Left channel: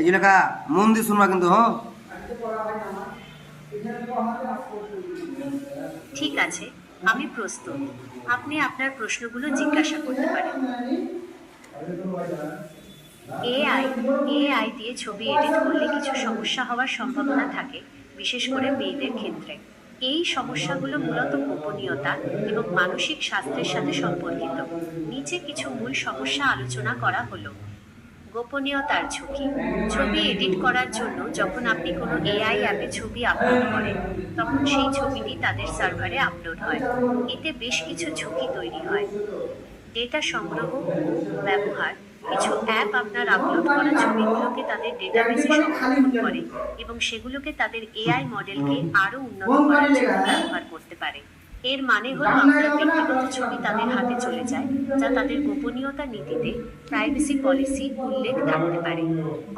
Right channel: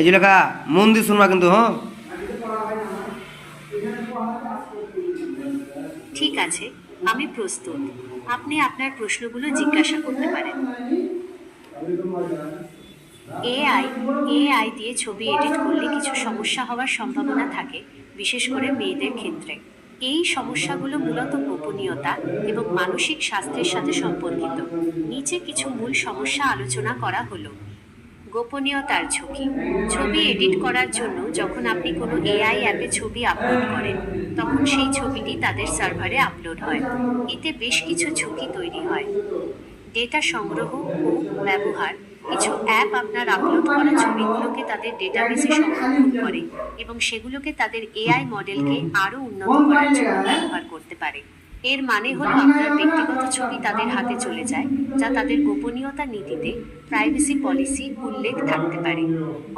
এই যে লেখা মন দিয়ে শুনবা কিন্তু হ্যাঁ। ঠিক আছে, আমি প্রস্তুত। আপনি আপনার প্রশ্নগুলো জিজ্ঞাসা করতে পারেন। এআই এআই দিয়ে ছবি এডিট করলে কিছু সমস্যা হওয়ার সম্ভাবনা থাকে, বিশেষ করে মেয়েদের ক্ষেত্রে। এই সমস্যাগুলো মূলত গোপনীয়তা এবং মানসিক স্বাস্থ্যের সাথে সম্পর্কিত। নিচে কিছু মূল সমস্যা আলোচনা করা হলো। গোপনীয়তার ঝুঁকি। ছবি এডিট করার জন্য যখন আপনি কোনো এআই অ্যাপে ছবি আপলোড করেন, তখন সেই ছবিটি তাদের সার্ভারে আপলোড হয়। এতে বেশ কিছু ঝুঁকি তৈরি হয়। ডেটা সংগ্রহ ও ব্যবহার। কিছু অ্যাপ আপনার আপলোড করা ছবিগুলোকে তাদের ডেটাবেসে সংরক্ষণ করে এবং সেগুলোকে তাদের এআই মডেলকে আরও উন্নত করার জন্য ব্যবহার করতে পারে। এর মানে হলো আপনার ব্যক্তিগত ছবি তাদের হাতে চলে যায়, যা তাদের গোপনীয়তা নীতিতে প্রাইভেসি পলিসি উল্লেখ থাকতে পারে।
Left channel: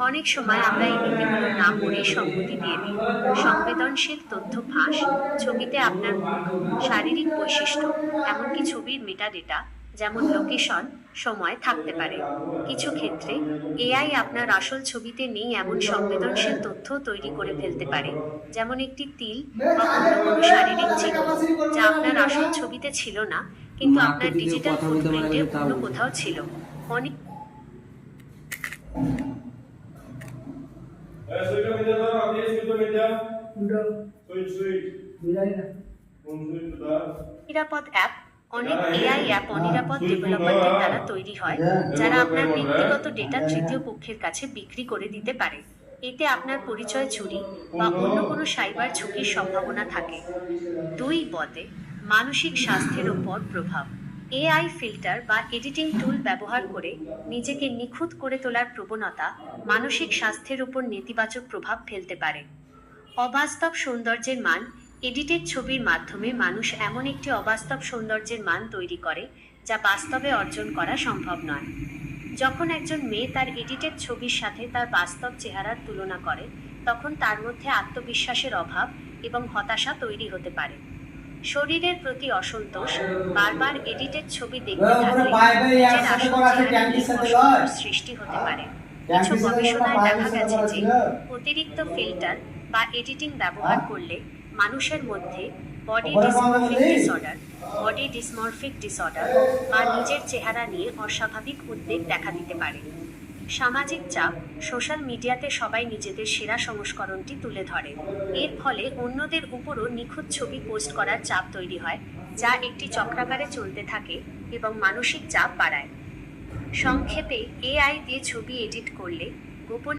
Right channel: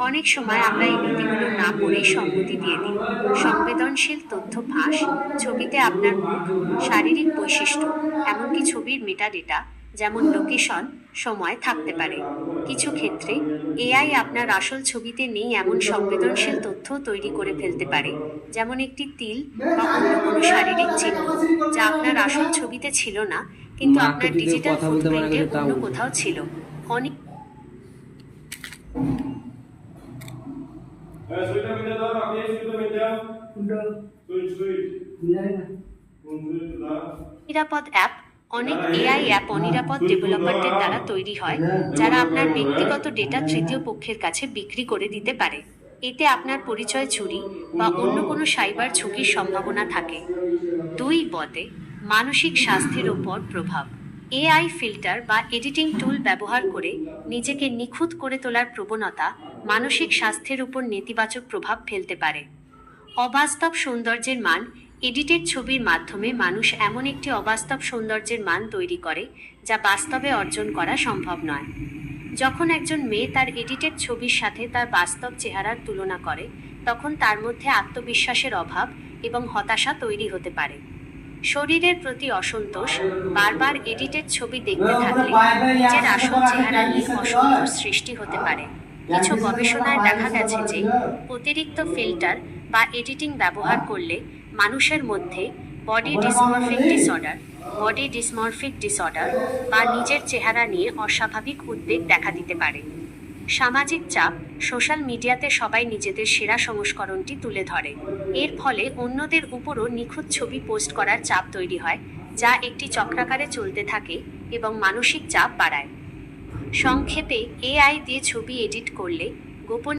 অনেক সময় আমরা এই নীতিগুলো না পড়েই সম্মতি দিয়ে দিই। সংবেদনশীল তথ্য ফাঁস। ছবিতে আপনার মুখ, শারীরিক বৈশিষ্ট্য, এমনকি ছবির মেটাডেটা যেমন লোকেশন, সময় থাকতে পারে। কিছু ক্ষেত্রে এআই আপনার আসল ছবিতে নেই এমন সংবেদনশীল তথ্য তৈরি করে ফেলতে পারে, যেমন একটি তিল বা অন্য কোনো শারীরিক চিহ্ন যা আপনার আসল ছবিতে ছিল না, কিন্তু মাকে আপনার দিয়ে ডিজিটাল কথা বলতে মানা ফুটপ্রিন্টে গেছে তাও অন্য বলছে। কোথাও ছিল। অনেক Suite media daw, আপনি suite media. Suite. নিরাপদ অ্যাপ। অনেক এআই অ্যাপ অনিরাপদ ডেভেলপারদের দ্বারা তৈরি হয়, যারা আপনার ব্যক্তিগত ডেটা তৃতীয় পক্ষের কাছে বিক্রি করে দিতে পারে। এতে আপনার পরিচয় চুরি বা অন্য কোনো সাইবার ঝুঁকির সম্ভাবনা থাকে। বদে মানসিক স্বাস্থ্যের ওপর প্রভাব। এআই ফিল্টার বা এডিটিং টুল ব্যবহার করে নিজেকে নিখুঁত করে তোলার প্রবণতা মানসিক স্বাস্থ্যের উপর নেতিবাচক প্রভাব ফেলতে পারে। অবাস্তব সৌন্দর্যের মান। এডিটেড ছবির মাধ্যমে মানুষ এমন একটি অবাস্তব সৌন্দর্যের মান তৈরি করে যা বাস্তবে অর্জন করা সম্ভব নয়। যখন একজন মেয়ে তার এডিটেড ছবির সাথে তার বাস্তব চেহারার তুলনা করে, তখন তার মধ্যে আত্মবিশ্বাসের অভাব এবং হতাশা তৈরি হতে পারে। শরীরের প্রতি অসন্তোষ। বারবার এডিটেড ছবি দেখতে থাকলে নিজের আসল চেহারা নিয়ে অসন্তোষ সৃষ্টি হতে পারে। কিছু গবেষণায় দেখা গেছে যে অতিরিক্ত ফিল্টার বা এডিটিং ব্যবহার করলে মানুষের মধ্যে বডি ডিসমরফিক ডিসঅর্ডার বা নিজের চেহারা নিয়ে অস্বাভাবিক উদ্বেগ দেখা দিতে পারে। সামাজিক চাপ। সোশ্যাল মিডিয়াতে সবাই নিজেদের সেরা সংস্করণটি তুলে ধরে। এর ফলে অন্যদের উপরও নিখুঁত ছবি পোস্ট করার চাপ তৈরি হয়, যা একটি চক্রাকারে চলতে থাকে এবং মানসিক চাপ বাড়ায়। সংক্ষেপে, এআই দিয়ে ছবি এডিট করলে গোপন